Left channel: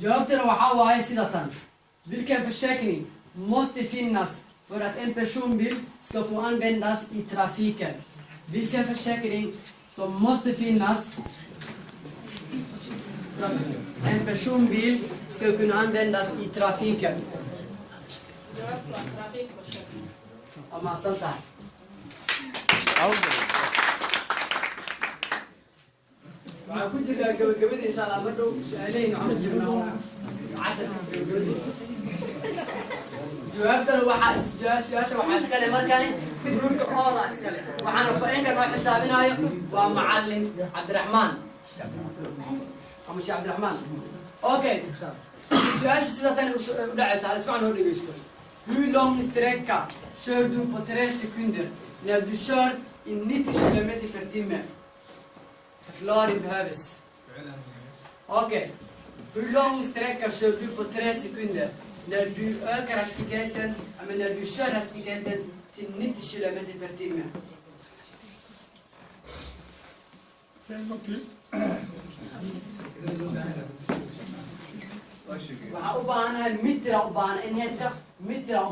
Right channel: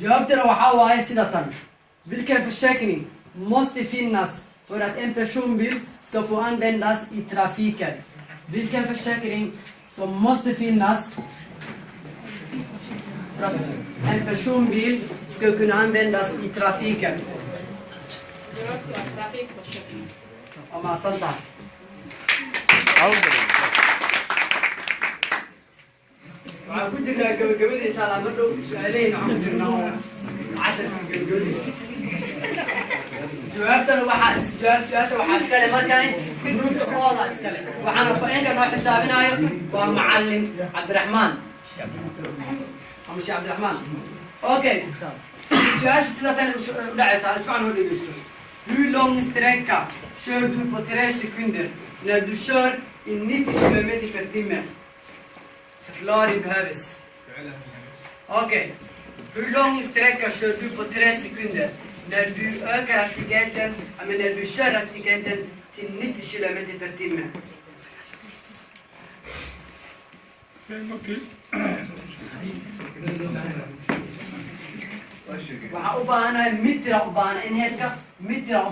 Jawaabtana waxaa waaye sida tan. Vilken försäkring måste finnas för att en personbil ska få användas i trafiken? Vilken försäkring som måste finnas för att en personbil ska kunna användas i trafiken? Trafikförsäkring. Om Santa. كنت قبل إن شاء الله مرة سؤالين عم في عشر جوابتنا جواب سؤال وحاسكالي ما كان جروب أولا اسكالي وحنا بقين كان راح حسابنا ومعلم عبد الرحمن مش عبد الرحمن أوكي سؤال سلسلة دعس على اسمعنا هو اللي بيسكت Hur lång sträcka kör du på 3 sekunder när du kör i 90 km/h? Förklaring behövs. Okej. Hur lång sträcka kör du på 3 sekunder när du ökar hastigheten, när du kör hastigheten till 90 km/h? 5 okej. Waxaa u baahanahay mitra u baahan in heedka mitra